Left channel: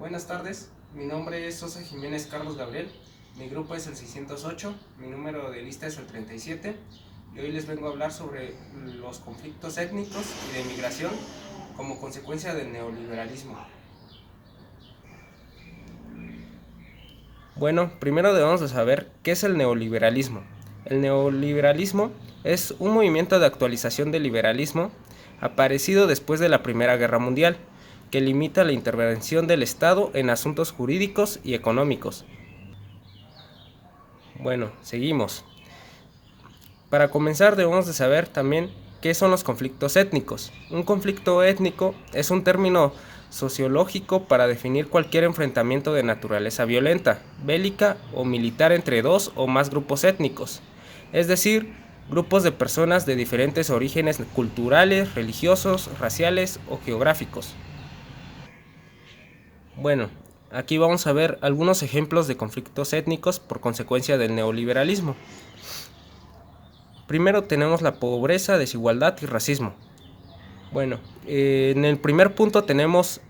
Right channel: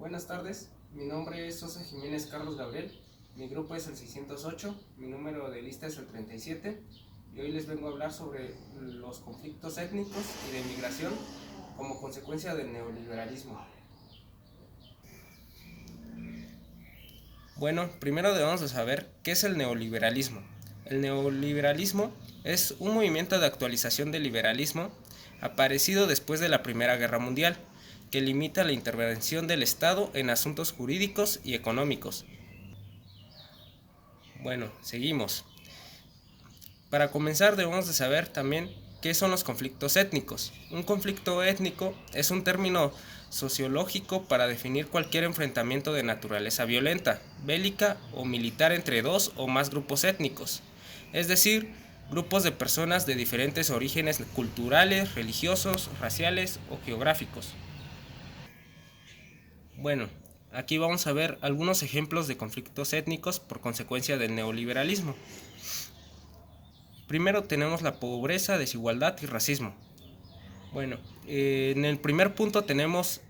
Buenas tardes, mi nombre es Sosa Jiménez Carlos Gabriel, mi grupo es el 608, mi número de lista es el 37 y hoy les vengo a hablar sobre los conflictos étnicos y de migración como consecuencia del neoliberalismo. Bueno, primero debemos de saber qué es el neoliberalismo. El neoliberalismo es un movimiento de actualización del liberalismo aparecido después de la Primera Guerra Mundial, que limita la intervención del Estado en asuntos jurídicos y económicos. Bueno, seguimos. Para comenzar debemos de saber también qué son los conflictos étnicos. Un conflicto étnico es un término sociológico para definir cualquier enfrentamiento de naturaleza violenta, bélica o militar entre dos o más grupos étnicos, es decir, grupos de personas de diferentes orígenes culturales, religiosos, raciales o geográficos. Bueno, aquí vamos a ver algunos ejemplos de conflictos étnicos por consecuencia del neoliberalismo. Primero tenemos la pobreza, desigualdad y racismo. Bueno, en el primer punto tenemos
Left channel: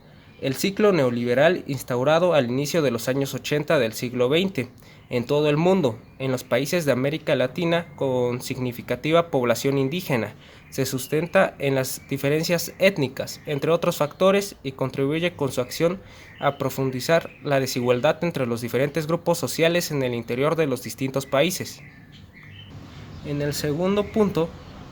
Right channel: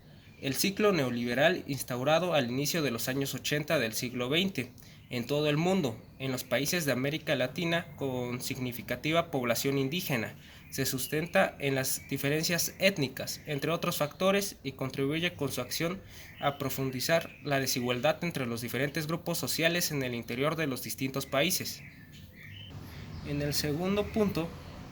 el ciclo neoliberal instaurado al inicio de los años 80 del siglo XX en todo el mundo, en los países de América Latina con significativa población indígena. Se sustenta en las diferencias étnicas, entre otros factores, y contribuye con su acción a profundizar la desigualdad entre los diferentes grupos sociales en el interior de los distintos países. En el segundo punto,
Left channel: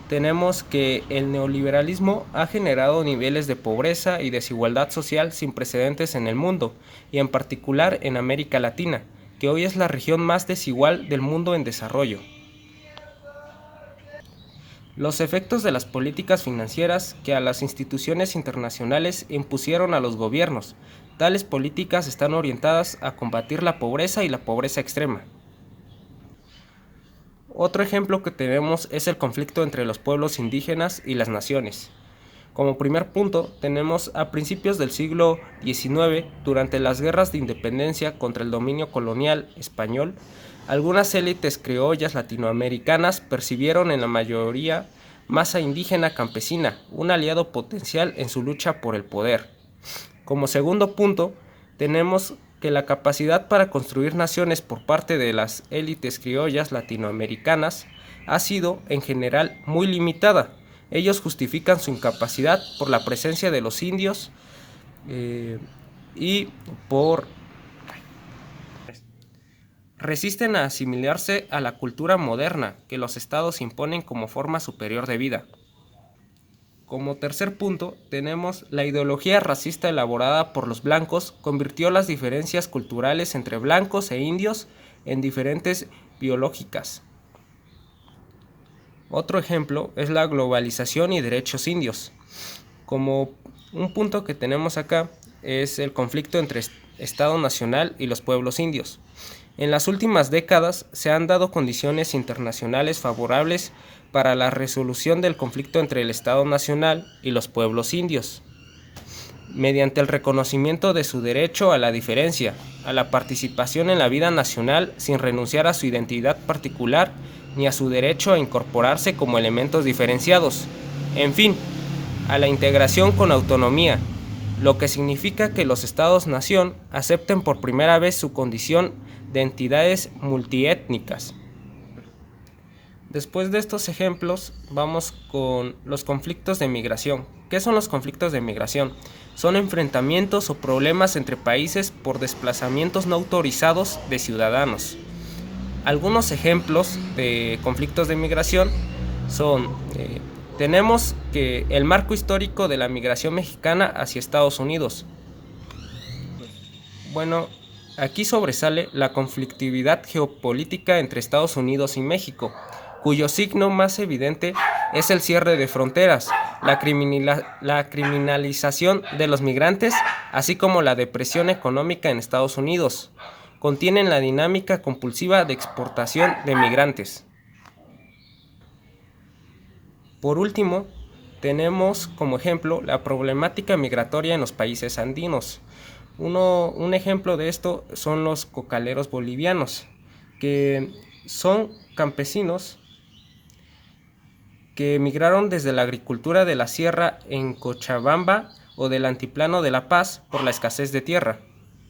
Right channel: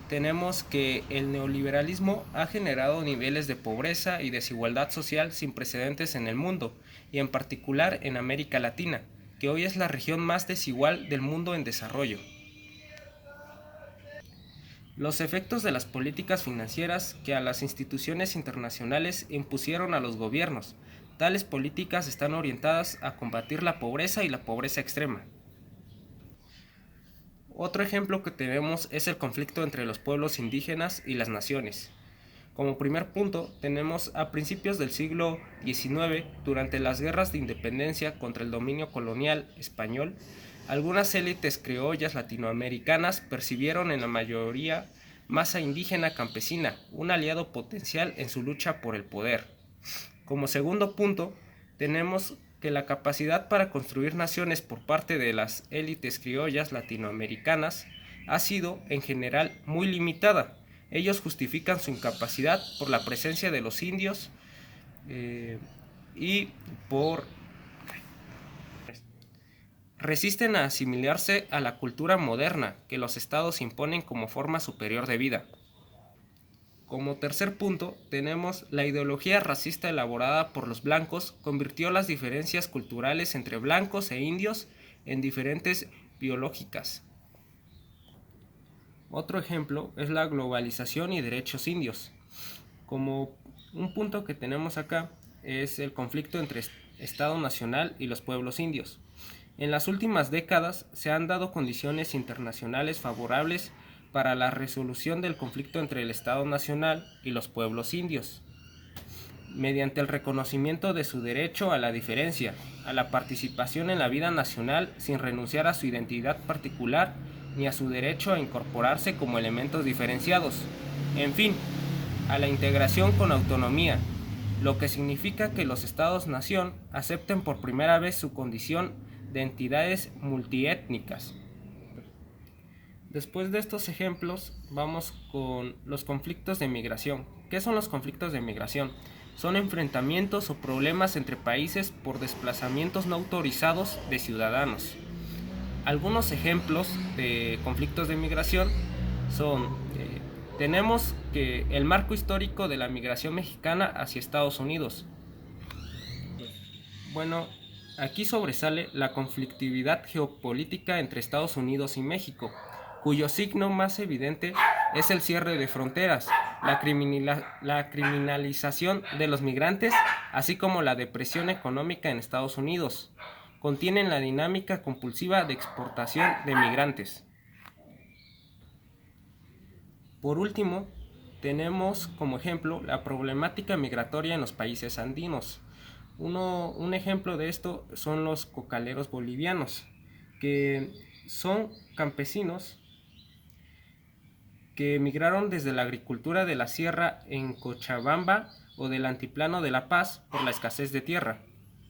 tenemos que el neoliberalismo ha generado niveles de pobreza y desigualdad social sin precedentes en el mundo, y en particular en América Latina, que hoy es la región más desigual del mundo en desarrollo. Los efectos de las políticas financieras que a las instituciones internacionales impusieron a los gobiernos. Tales políticas están orientadas a combatir la pobreza y la pobreza extrema. Otro ejemplo que tenemos es el conflicto entre los pueblos indígenas y las naciones. Como primer punto, tenemos a principios del siglo XIX, durante las guerras de independencia contra el dominio colonial español, algunas élites criollas latinoamericanas percibieron en la mayoría masa indígena campesina, un aliado potencial en su lucha por el poder. Como segundo punto, tenemos que la capacidad para construir naciones por parte de las élites criollas latinoamericanas ha sido, en general, muy limitada. Ellos justifican su incapacidad por la presencia de los indios y por resisten a asimilarse a la cultura moderna que los estados imponen como forma superior de vida. Como tercer punto, tenemos la ideología racista elaborada por los blancos convirtió las diferencias culturales entre blancos e indios en diferentes biológicas. Otro ejemplo es la globalización y derechos indios. Como un punto que tenemos acá es el conflicto entre Estado Nacional y los pueblos indios. En las últimas décadas se han dado condiciones internacionales favorables para la resolución del conflicto entre el Estado Nacional y los pueblos indios, mediante el reconocimiento de su derecho a la diferencia, a la participación en la vida nacional sin renunciar a su identidad particular ni a su derecho a incorporarse como elementos diferenciados, en fin, a la integración con autonomía, lo que significa que los estados-nación acepten por primera vez su condición de entidades multiétnicas. Después de estos ejemplos, vamos con los conflictos de migración. ¿Qué son los conflictos de migración? Son enfrentamientos o problemas entre países por desplazamientos no autorizados de ciudadanos. Algunos ejemplos de conflictos de migración son, tenemos que el marco histórico de la migración mexicana hacia Estados Unidos. Bueno, aquí sobresale la conflictividad geopolítica entre Estados Unidos y México, cuyo signo más evidente es el cierre de fronteras, la criminalización de los migrantes, así como la depresión económica en Estados Unidos. Contienen la dinámica compulsiva de exportación de migrantes. Por último, tenemos como ejemplo la problemática migratoria en los países andinos. Un ejemplo de esto son los cocaleros bolivianos, que son campesinos que emigraron desde la agricultura de la sierra en Cochabamba o del altiplano de La Paz por la escasez de tierra.